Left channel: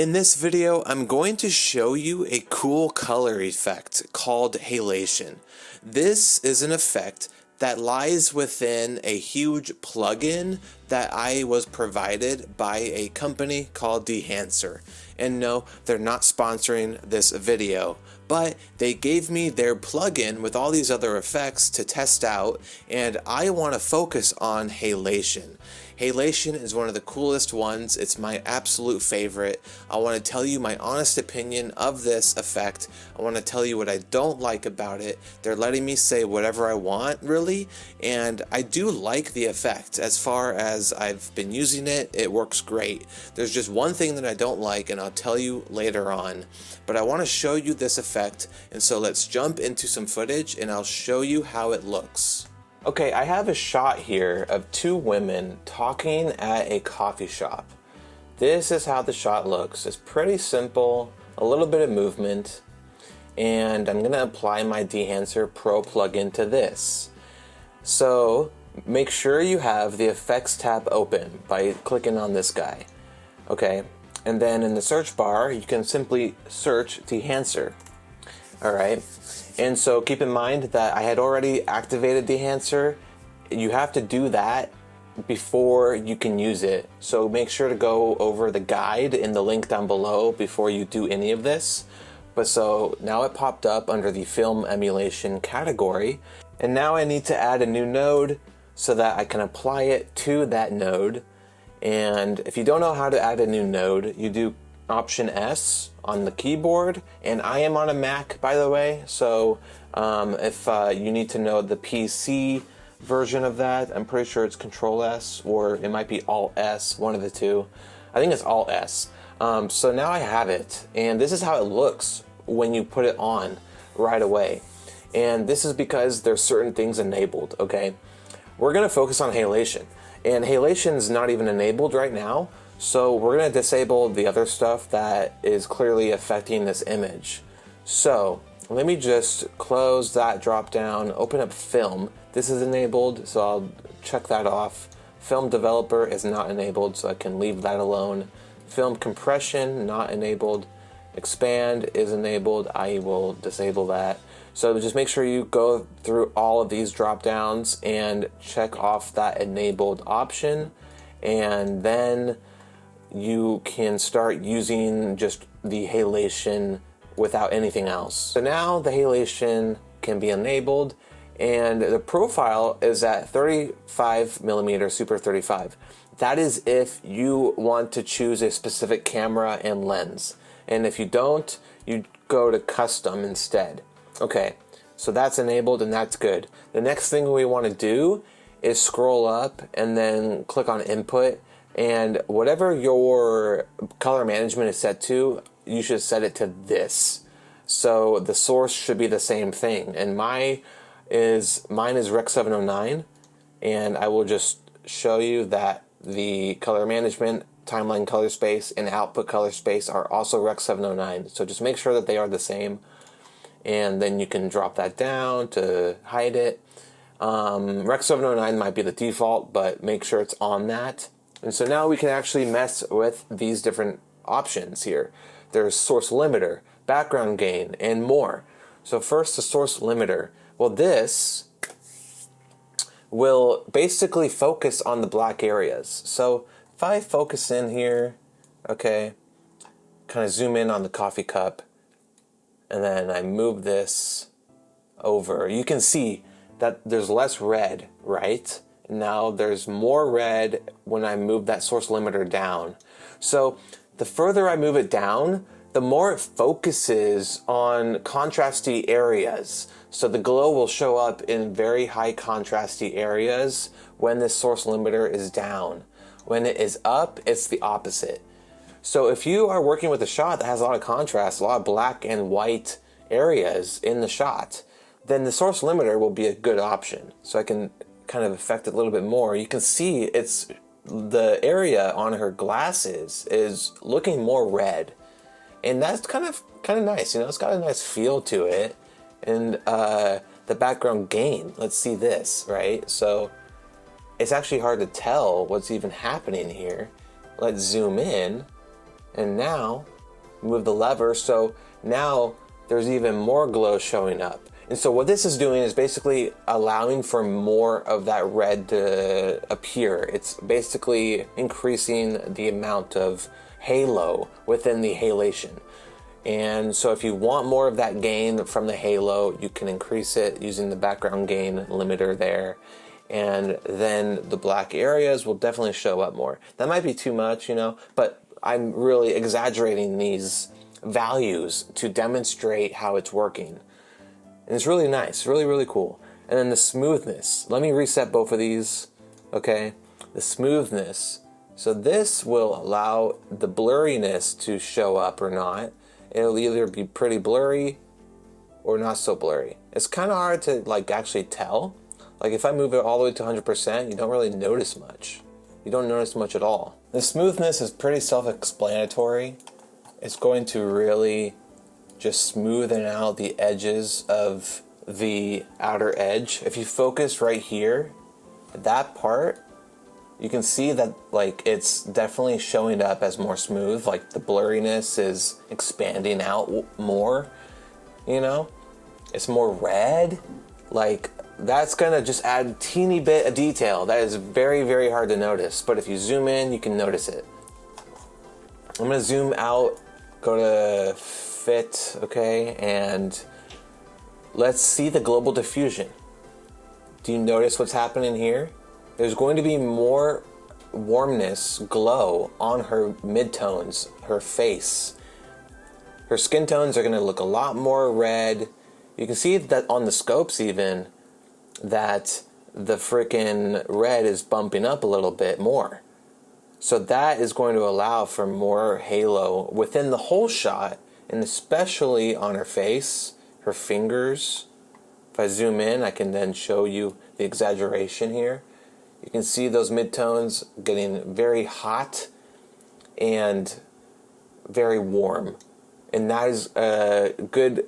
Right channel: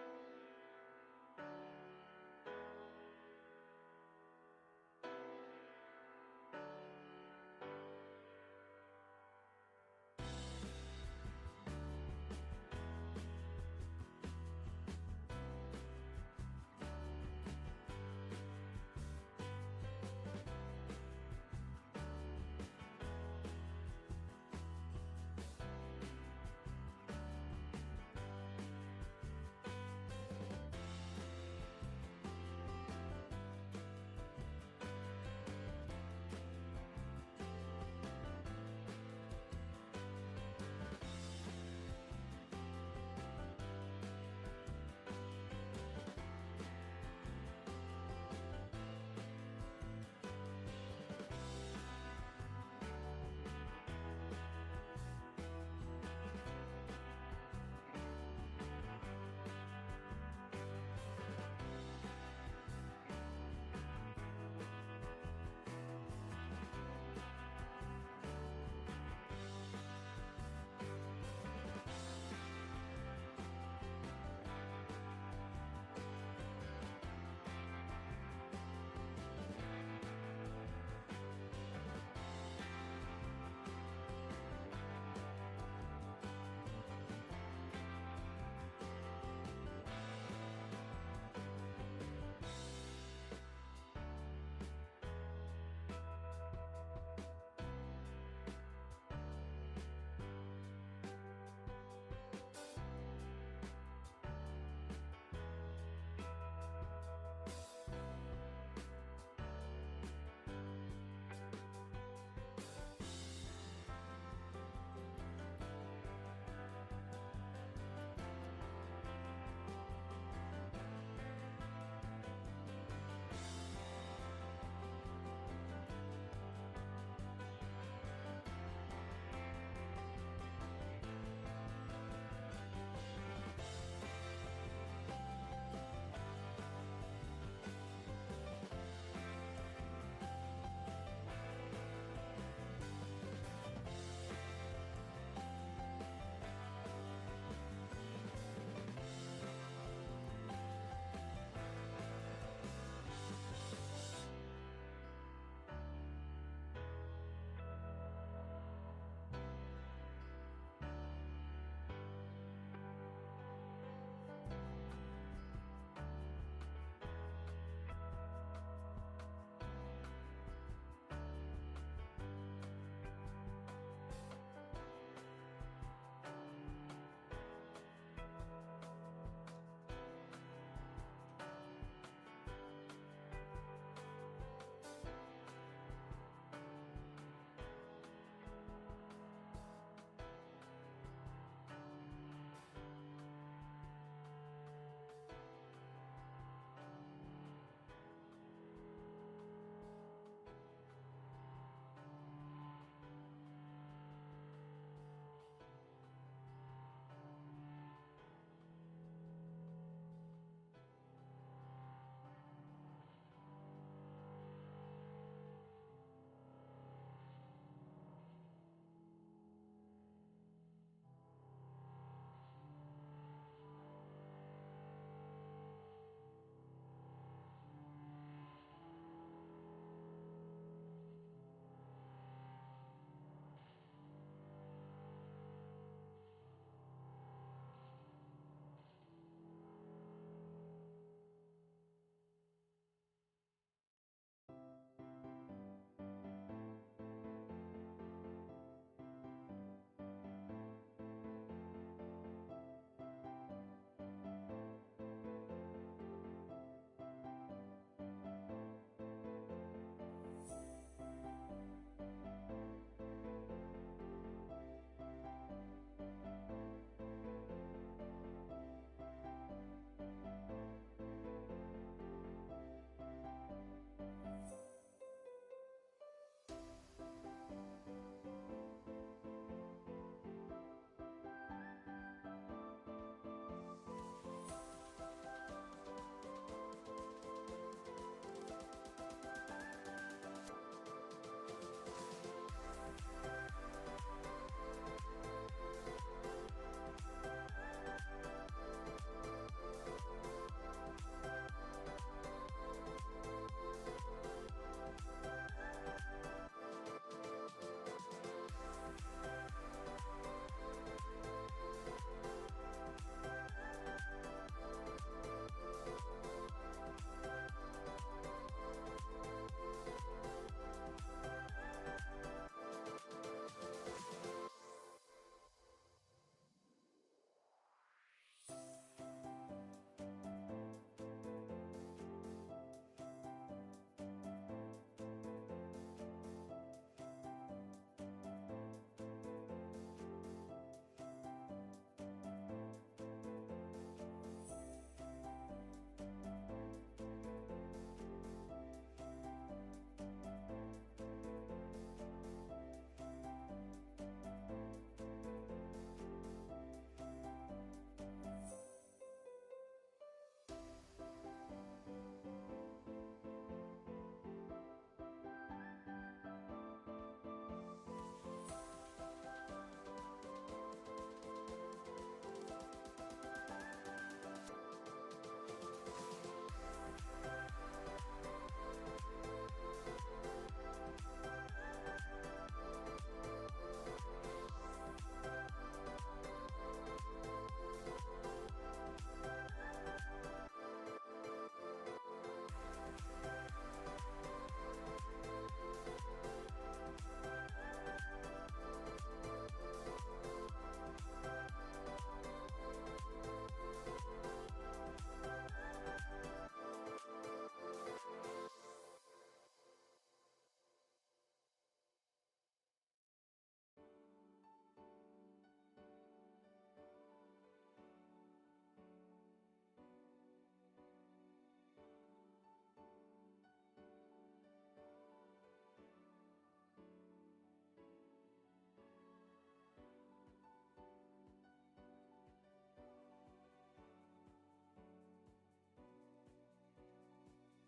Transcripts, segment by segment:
In this video, I'm going to show you a cool color effect called halation. This is an effect that lies within a huge plugin that I was provided by a company called Dehancer. And no, they're not sponsoring this video, but they gave me their plugin with all these other effects to test out, and I want to focus on halation. Halation is one of the coolest ones. It's my absolute favorite. I want to tell you my honest opinion of this effect. I want to tell you what I don't like about it. They're letting me say whatever I want, really, and I do like the effect. As far as I've been using it, it works great. There's just one thing that I don't like, and I'll tell you later on. But I want to show you this effect, and so let's jump into some footage and I'll show you how it looks. Okay, I have a shot here of two women talking at a coffee shop. This is how the shot looks. It's pretty simple, a little bit of movement, and I'm gonna apply my Dehancer Pro plugin to this. So make sure you have the effects tab open by clicking on this guy. Okay, and then in the search bar, you can simply search Dehancer. All right. And so keep in mind that I had already activated Dehancer. You have to do that before you can use it. So make sure to go over the guide in the link down below before you do any of this. But so now it popped up under the film emulation category. And now I need to add a new node so that I can apply it to that node. And if you don't know how to add a new node, you do Option S on the keyboard, and I am on a Mac, by the way, so if you need to know the PC version of that, I'm pretty sure it's Control S, or it might be Alt S, one of the two. I think it's Alt S. So now I have it, and this is how it looks when you put it on right away. And this is because there's certain things enabled, okay? We're gonna focus on halation, and halation is not even enabled right now. So we're going to disable the other stuff that is clearly affecting this image. So let me just close that drop down, open up film. This is enabled, so I'll check that off. Film developer is not enabled, so I can leave that alone. Film compression, not enabled. Expand is enabled, I will disable that. So just make sure you go through all of these drop downs and check off that enabled option, and then you can start using just the halation without anything else. So now the halation can be enabled, and the profile is at 35mm Super 35. That is if you want to choose a specific camera and lens. And if you don't, you go to custom instead. Okay, so that's enabled and that's good. The next thing we want to do is scroll up and then click on input. And whatever your color management is set to, you should set it to this. So the source should be the same thing. And mine is Rec 709. And I will just show you that the color management, timeline color space, and output color space are also Rec 709. So just make sure that they are the same. And then you can drop that down to hide it. Rec 709 might be the default, but make sure it's on that. And so now we can actually mess with these different options here. There's source limiter, background gain, and more. So first, the source limiter. Well, this will basically focus on the black areas. So if I focus in here, okay, kind of zoom in on the coffee cup, and then I move this over, you can see that there's less red, right? Now there's more red when I move that source limiter down. So the further I move it down, the more it focuses on contrasty areas. So the glow will show up in very high contrasty areas when this source limiter is down. When it is up, it's the opposite. So if you are working with a shot that has a lot of contrast, a lot of black and white areas in the shot, then the source limiter will be a good option. So I can kind of affect it a little bit more. You can see it's the area on her glasses is looking more red, and that's kind of nice. You know, it's got a nice feel to it. And the background gain, let's see this, right? So it's actually hard to tell what's even happening here. Let's zoom in And now, move the lever, so now there's even more glow showing up. And so what this is doing is basically allowing for more of that red to appear. It's basically increasing the amount of halo within the halation. And so if you want more of that gain from the halo, you can increase it using the background gain limiter there. And then the black areas will definitely show up more. That might be too much, you know, but I'm really exaggerating these values to demonstrate how it's working. And it's really nice, really, really cool. And then the smoothness. Let me reset both of these, okay? The smoothness. So this will allow the blurriness to show up or not. It'll either be pretty blurry or not so blurry. It's kind of hard to like actually tell. Like if I move it all the way to 100%, you don't really notice much. You don't notice much at all. The smoothness is pretty self-explanatory. It's going to really just smoothen out the edges of the outer edge. If you focus right here, that part, you can see that like it's definitely showing up as more smooth. Like the blurriness is expanding out more, you know? It's more red. Like that's gonna just add a teeny bit of detail that is very, very hard to notice. But if you zoom in, you can notice it. I'm gonna zoom out, go to fit, okay, and let's see the global diffusion. Do you notice what's happening here? There's going to be more warmness, glow on her midtones, her face. Her skin tones are gonna look a lot more red. You can see that on the scopes even, that the freaking red is bumping up a little bit more. So that is going to allow for more halo within the whole shot, and especially on her face, her fingers. If I zoom in, I can then show you the exaggeration here. You can see those midtones getting very hot and very warm. And that is a good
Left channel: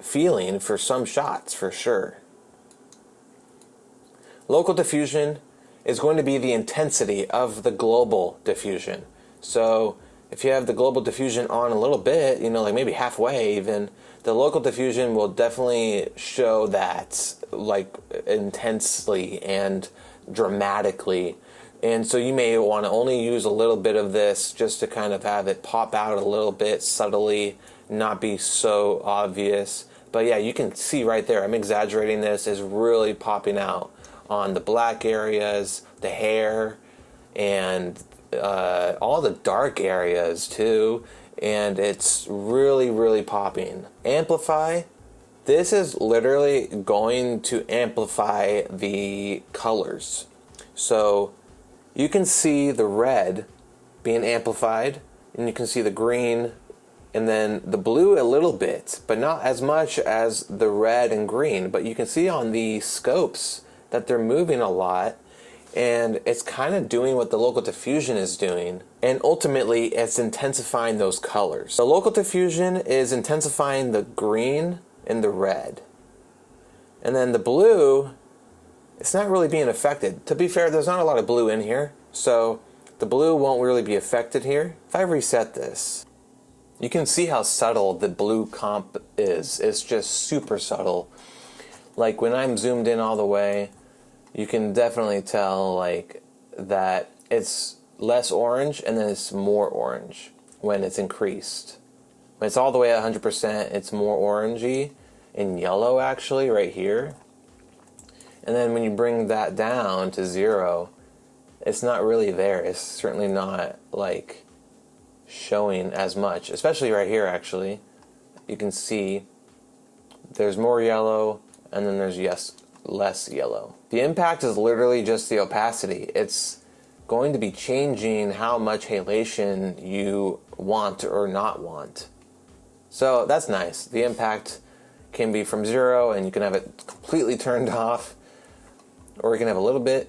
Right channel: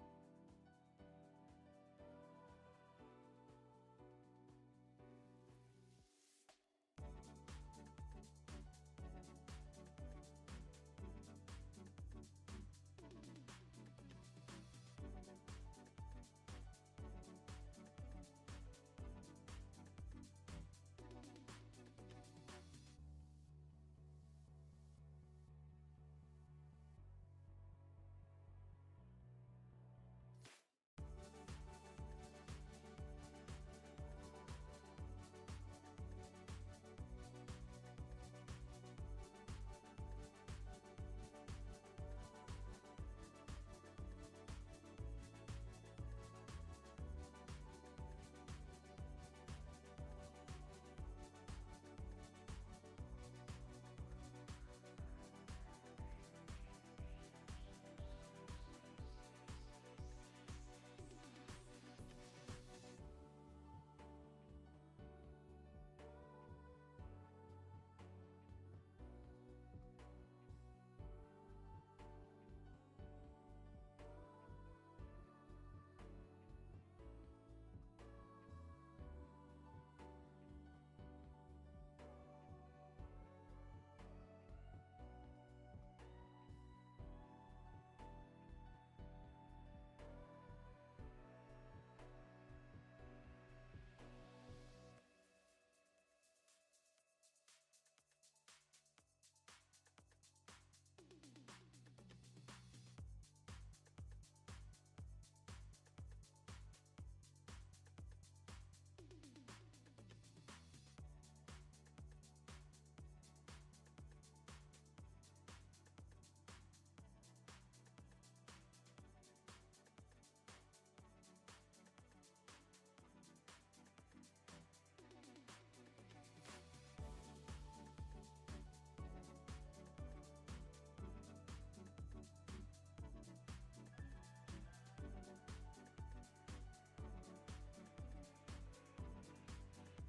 feeling for some shots, for sure. Local diffusion is going to be the intensity of the global diffusion. So if you have the global diffusion on a little bit, you know, like maybe halfway even, the local diffusion will definitely show that like intensely and dramatically. And so you may want to only use a little bit of this just to kind of have it pop out a little bit subtly, not be so obvious. But yeah, you can see right there, I'm exaggerating this, is really popping out on the black areas, the hair, and all the dark areas too. And it's really, really popping. Amplify. This is literally going to amplify the colors. So you can see the red being amplified, and you can see the green, and then the blue a little bit, but not as much as the red and green. But you can see on the scopes that they're moving a lot, and it's kind of doing what the local diffusion is doing, and ultimately it's intensifying those colors. The local diffusion is intensifying the green and the red, and then the blue, it's not really being affected. To be fair, there's not a lot of blue in here, so the blue won't really be affected here. If I reset this, you can see how subtle the blue comp is. It's just super subtle. Like when I'm zoomed in all the way, you can definitely tell like that it's less orange and then it's more orange when it's increased. When it's all the way at 100%, it's more orangey and yellow actually right here. And then when you bring that down to 0, it's not really there. It's certainly not like showing as much, especially right here actually. You can see there's more yellow and then there's less yellow. The impact is literally just the opacity. It's going to be changing how much halation you want or not want. So that's nice. The impact can be from 0 and you can have it completely turned off, or you can have a little bit,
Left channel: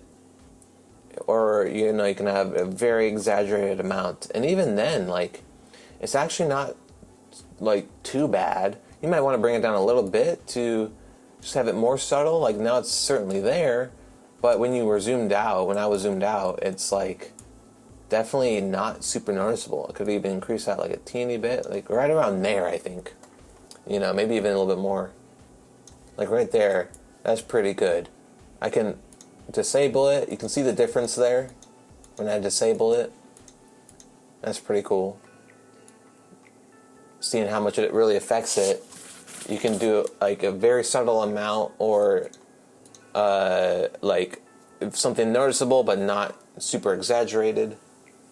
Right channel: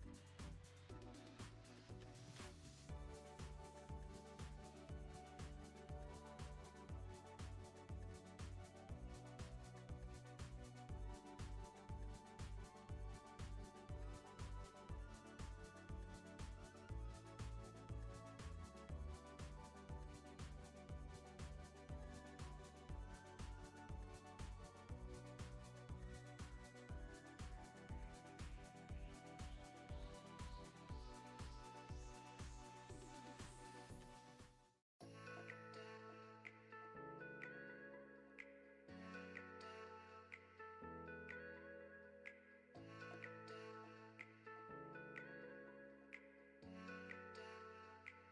or you know, you can have a very exaggerated amount. And even then, like, it's actually not like too bad. You might want to bring it down a little bit to just have it more subtle. Like now it's certainly there, but when you were zoomed out, when I was zoomed out, it's like definitely not super noticeable. I could even increase that like a teeny bit, like right around there, I think. You know, maybe even a little bit more. Like right there, that's pretty good. I can disable it. You can see the difference there when I disable it. That's pretty cool. Seeing how much it really affects it. You can do like a very subtle amount, or like something noticeable but not super exaggerated.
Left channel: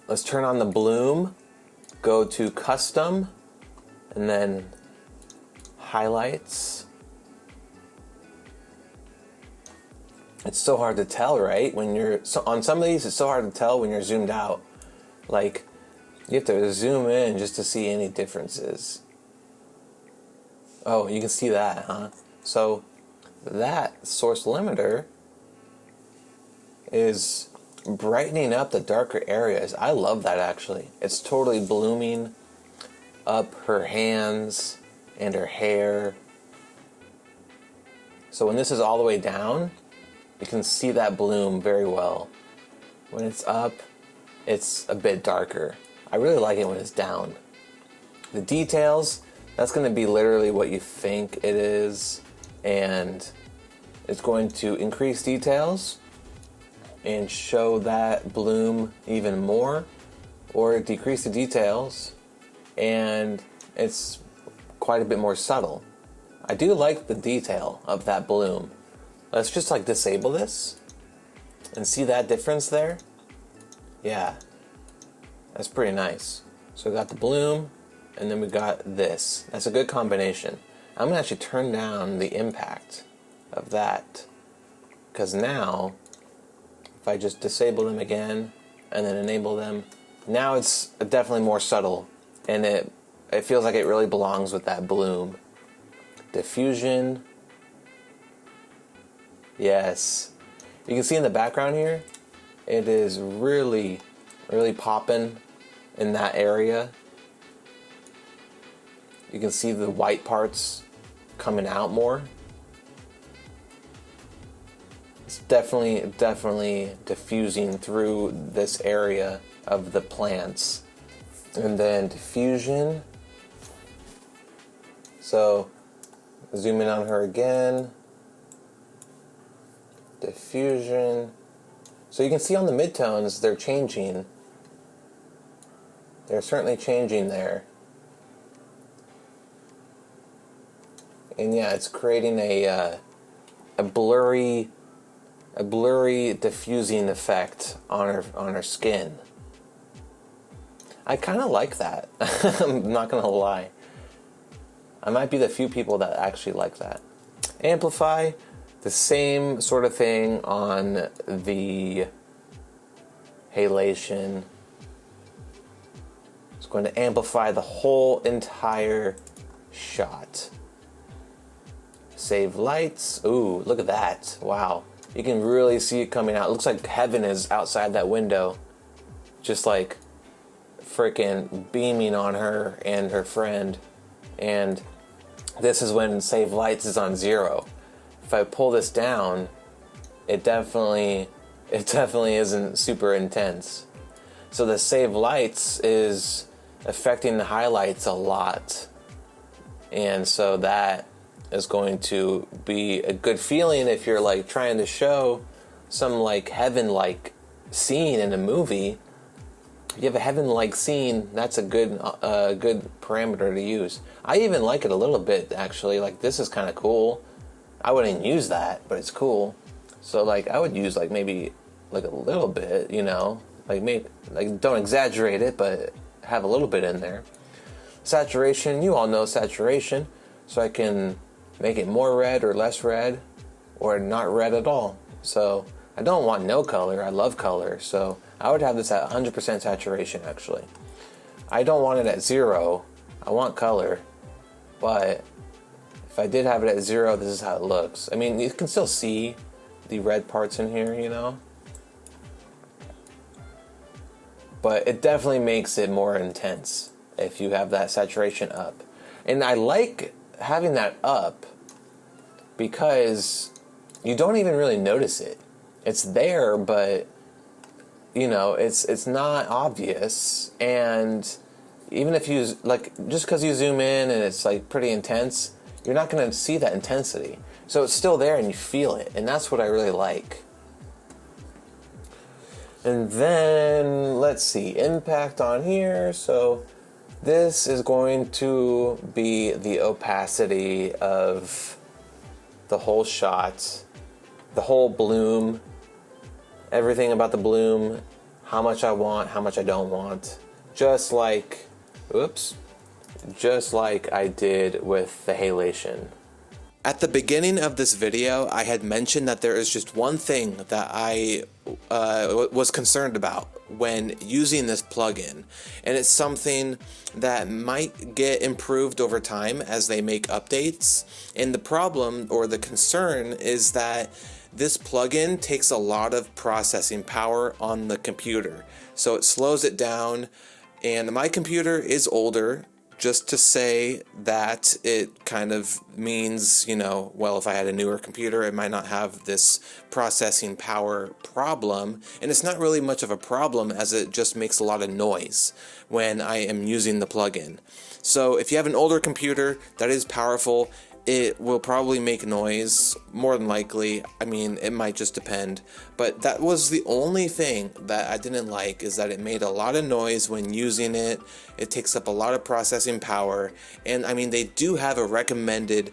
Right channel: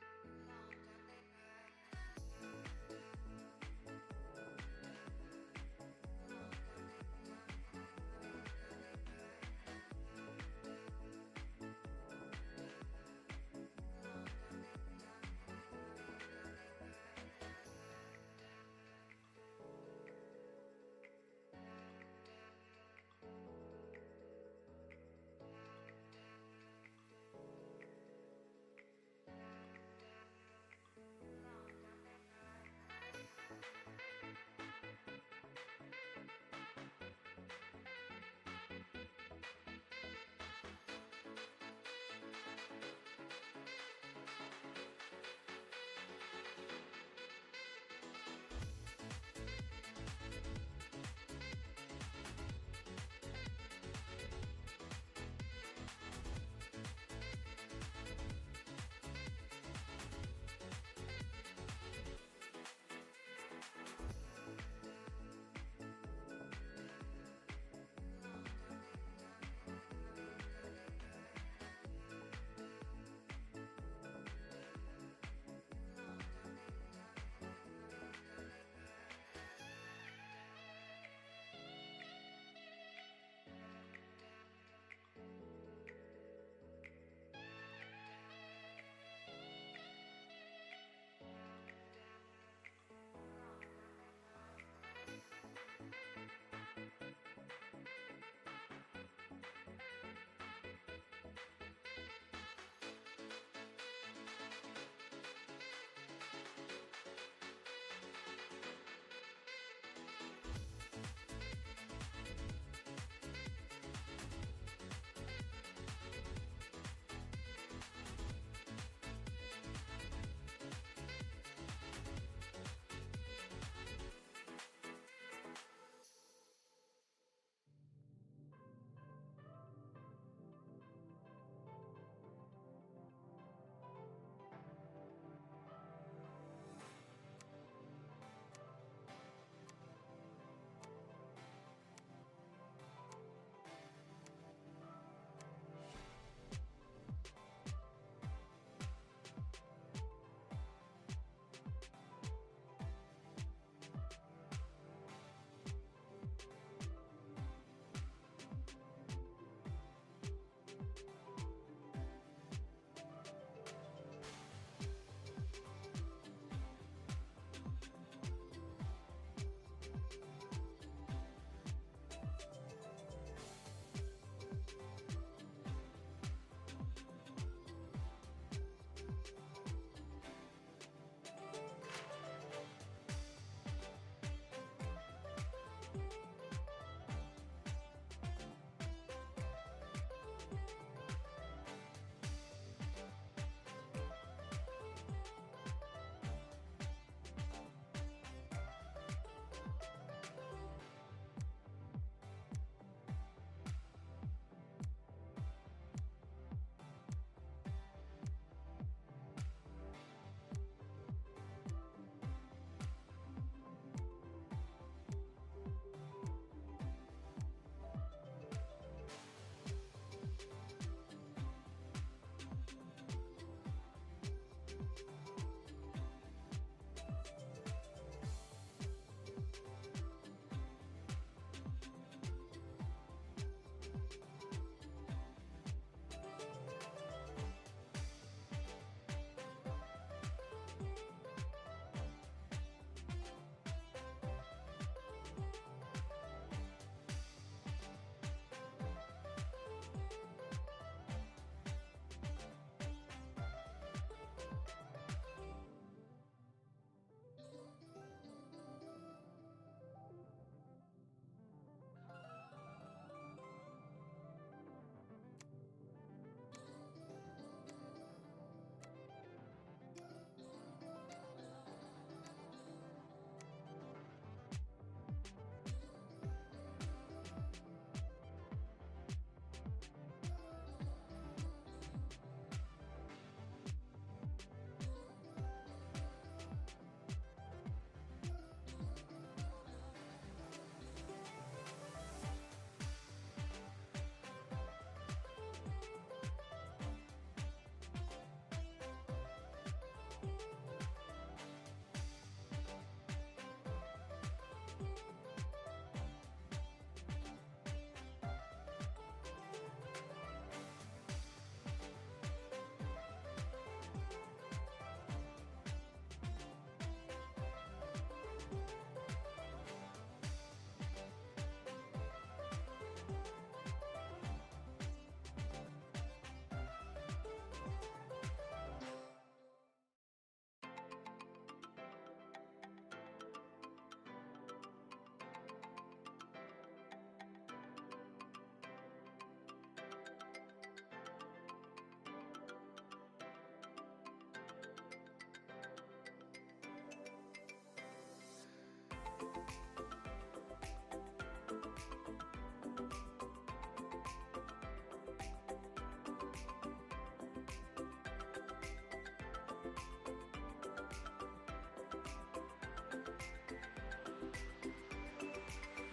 Let's turn on the bloom, go to custom, and then highlights. It's so hard to tell, right? When you're on some of these, it's so hard to tell when you're zoomed out. Like, you have to zoom in just to see any differences. Oh, you can see that, huh? So that source limiter is brightening up the darker areas. I love that, actually. It's totally blooming up her hands and her hair. So when this is all the way down, you can see that bloom very well. When it's up, it's a bit darker. I really like it when it's down. The details, that's going to be literally what you think it is, and it's going to increase details and show that bloom even more, or decrease the details and it's quite a bit more subtle. I do like the detail of that bloom. Let's just like disable this and see that difference there. Yeah, that's pretty nice. So we got the bloom, and then we got this. That's a good combination. I'm gonna actually turn down the impact of that, because now if I just disable them again and then enable them, now it's definitely more subtle, and it feels like it really belongs with that bloom. Diffusion. Yes. You can see in the background here, it is really, really popping in that area. You can see the white parts coming out more. It's definitely diffusing through this area of the plants. And then diffusion. So zoom in on her again. Diffusion. So you can see on the midtones, they're changing. They're certainly changing there. And yeah, it's creating a blurry diffusing effect on her skin. I kind of like that. I'm not gonna lie. I might be the few people that actually like that. Amplify, the same sort of thing on the halation. It's going to amplify the whole entire shot. Save lights. Ooh, look at that. Wow. You can really see it coming out. It looks like heaven is outside that window. Just like freaking beaming on her and her friend. And this is when save lights is on 0. If I pull this down, it definitely isn't super intense. So the save lights is affecting the highlights a lot. And so that is going to be a good feeling if you're like trying to show some like heaven-like scene in a movie. If you have a heaven-like scene, that's a good parameter to use. I even like it a little bit, actually. Like, this is kind of cool. I wouldn't use that, but it's cool. So like I would use like maybe like a little bit, you know, like maybe like don't exaggerate it, but have a little bit in there. Saturation, you all know saturation, so I can make it more red or less red, or not red at all. So I don't want no color. I love color, so I would have this at 100% saturation. Actually, I don't want it at 0. I want color, but if I did have it at 0, this is how it looks. I mean, you can still see the red parts in here, you know, but it definitely makes it more intense if you have that saturation up. And I like having that up because you don't even really notice it. It's there, but you know, it's not obvious. And even if you, like, just because you zoom in and it's like pretty intense, you're not going to see that intensity. So it's still there and you feel it, and that's what I really like. And then let's see, impact on here. So this is going to be the opacity of the whole shot, the whole bloom, everything about the bloom, how much I want, how much I don't want. Just like, just like I did with the halation. At the beginning of this video, I had mentioned that there is just one thing that I was concerned about when using this plugin, and it's something that might get improved over time as they make updates. And the problem, or the concern, is that this plugin takes a lot of processing power on the computer, so it slows it down. And my computer is older. Just to say that it kind of means, you know, well, if I had a newer computer, it might not have this processing power problem. And it's not really much of a problem, as it just makes a lot of noise when I am using the plugin. So if you have an older computer that is powerful, it will probably make noise, more than likely. I mean, it might just depend. But that was the only thing that I didn't like, is that it made a lot of noise when using it. It takes up a lot of processing power. And I mean, they do have a recommended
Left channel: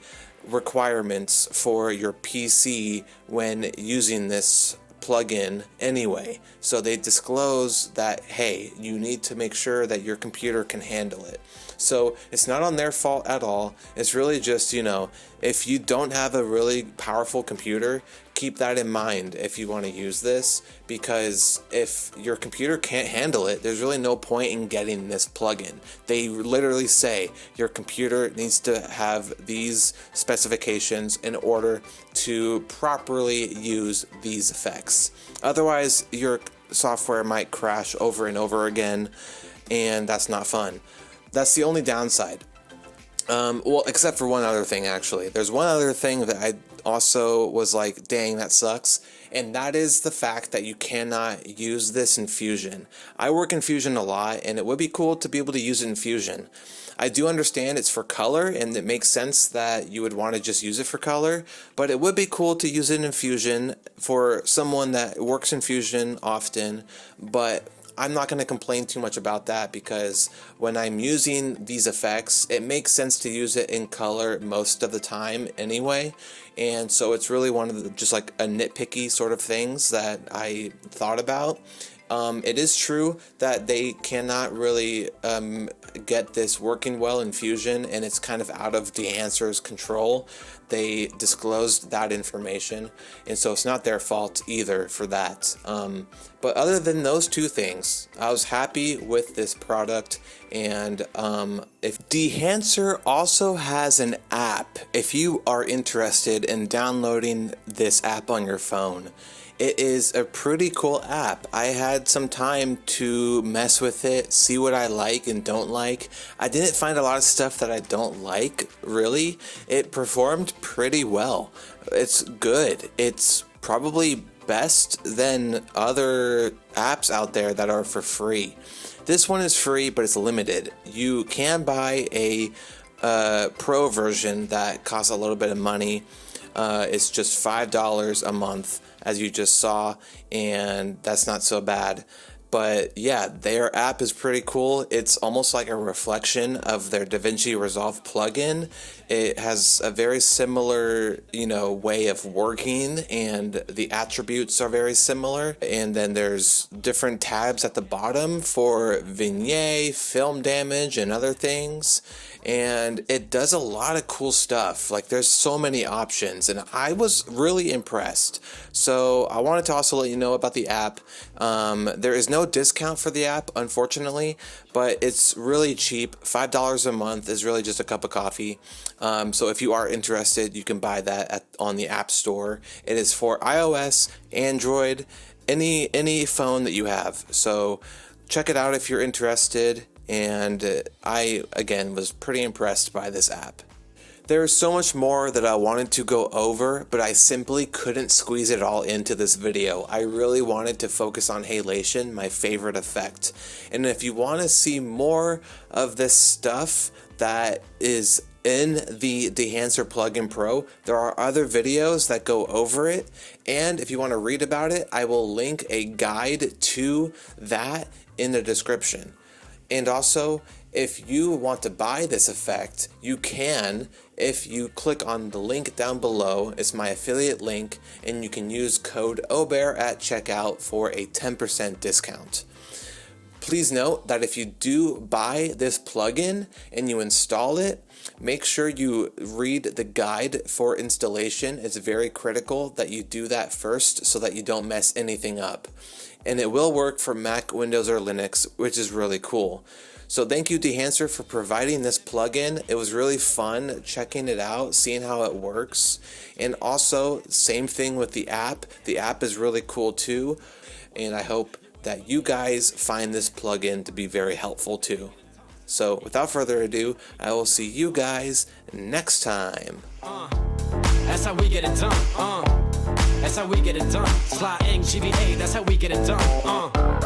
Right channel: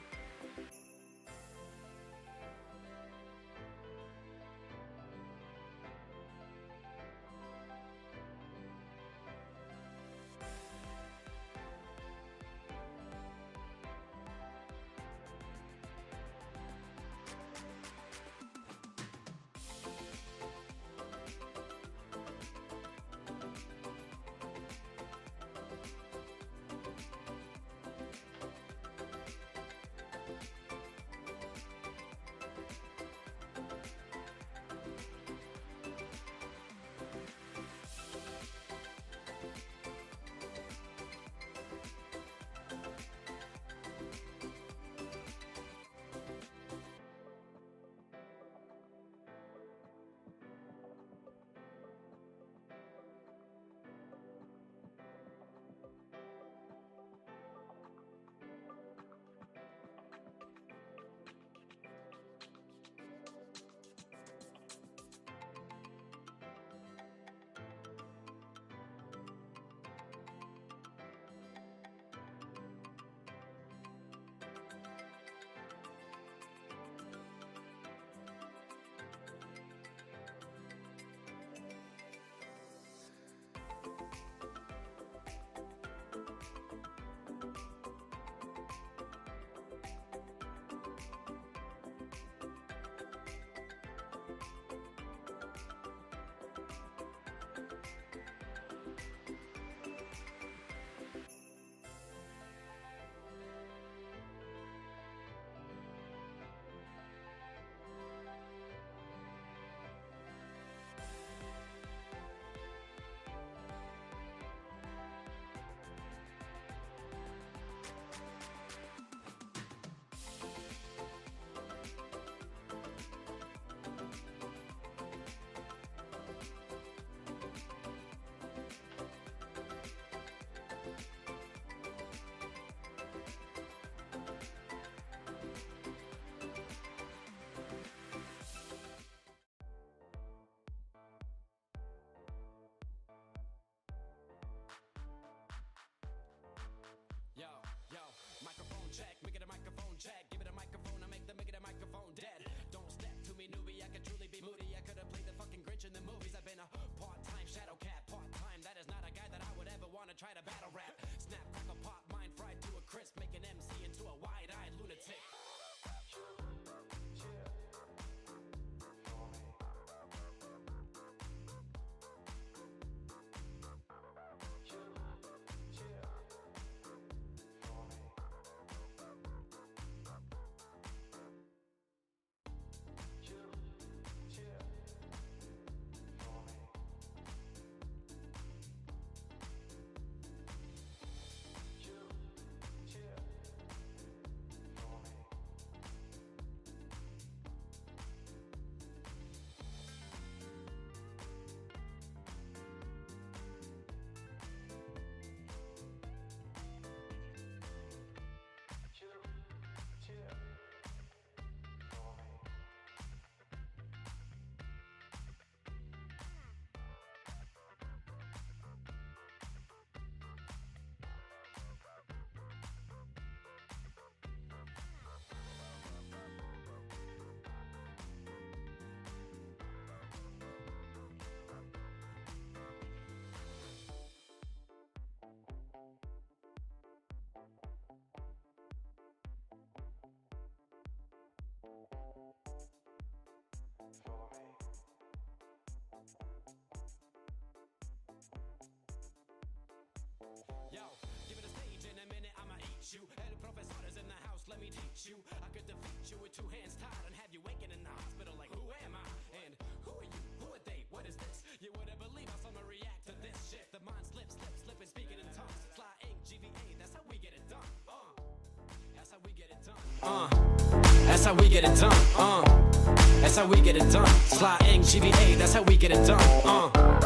requirements for your PC when using this plugin anyway. So they disclose that, hey, you need to make sure that your computer can handle it. So it's not on their fault at all. It's really just, you know, if you don't have a really powerful computer, keep that in mind if you want to use this, because if your computer can't handle it, there's really no point in getting this plugin. They literally say your computer needs to have these specifications in order to properly use these effects. Otherwise, your software might crash over and over again, and that's not fun. That's the only downside. Well, except for one other thing, actually. There's one other thing that I also was like, dang, that sucks. And that is the fact that you cannot use this in Fusion. I work in Fusion a lot, and it would be cool to be able to use it in Fusion. I do understand it's for color, and it makes sense that you would want to just use it for color, but it would be cool to use it in Fusion for someone that works in Fusion often. But I'm not going to complain too much about that, because when I'm using these effects, it makes sense to use it in color most of the time anyway. And so it's really one of the, just like a nitpicky sort of things that I thought about. It is true that they cannot really get this working well in Fusion, and it's kind of out of Dehancer's control. They disclosed that information, and so it's not their fault either for that. But other than those two things, I was happy with this product. And if Dehancer also has an app, if you are interested in downloading this app on your phone, it is a pretty cool app. I had some time to mess with it, see what I like and don't like. I didn't find a lot of stuff that I don't like, really. It performed pretty well. It's good. It's probably best than other apps out there that are for free. This one is free, but it's limited. You can buy a pro version that costs a little bit of money. It's just $5 a month, as you just saw, and that's not so bad. But yeah, their app is pretty cool. It's almost like a reflection of their DaVinci Resolve plugin. It has a very similar, way of working, and the attributes are very similar. And then there's different tabs at the bottom for vignette, film damage, and other things. And it does a lot of cool stuff. Like, there's so many options, and I was really impressed. So I wanted to also let you know about the app. There is no discount for the app, unfortunately, but it's really cheap. $5 a month is really just a cup of coffee. So if you are interested, you can buy that on the App Store. It is for iOS, Android, any phone that you have. So check it out if you're interested. And I, again, was pretty impressed by this app. There's so much more that I wanted to go over, but I simply couldn't squeeze it all into this video. I really wanted to focus on halation, my favorite effect. And if you want to see more of this stuff that is in the Dehancer Plugin Pro, there are other videos that go over it. And if you want to read about it, I will link a guide to that in the description. And also, if you want to buy this effect, you can if you click on the link down below. It's my affiliate link, and you can use code OBEAR at checkout for a 10% discount. Please note that if you do buy this plugin and you install it, make sure you read the guide for installation. It's very critical that you do that first so that you don't mess anything up. And it will work for Mac, Windows, or Linux, which is really cool. So thank you, Dehancer, for providing this plugin. It was really fun checking it out, seeing how it works. And also, same thing with the app. The app is really cool too. And I hope that you guys find this plugin to be very helpful too. So without further ado, I will see you guys next time. That's how we get it done. That's how we get it done. Slide in GBA, that's how we get it done.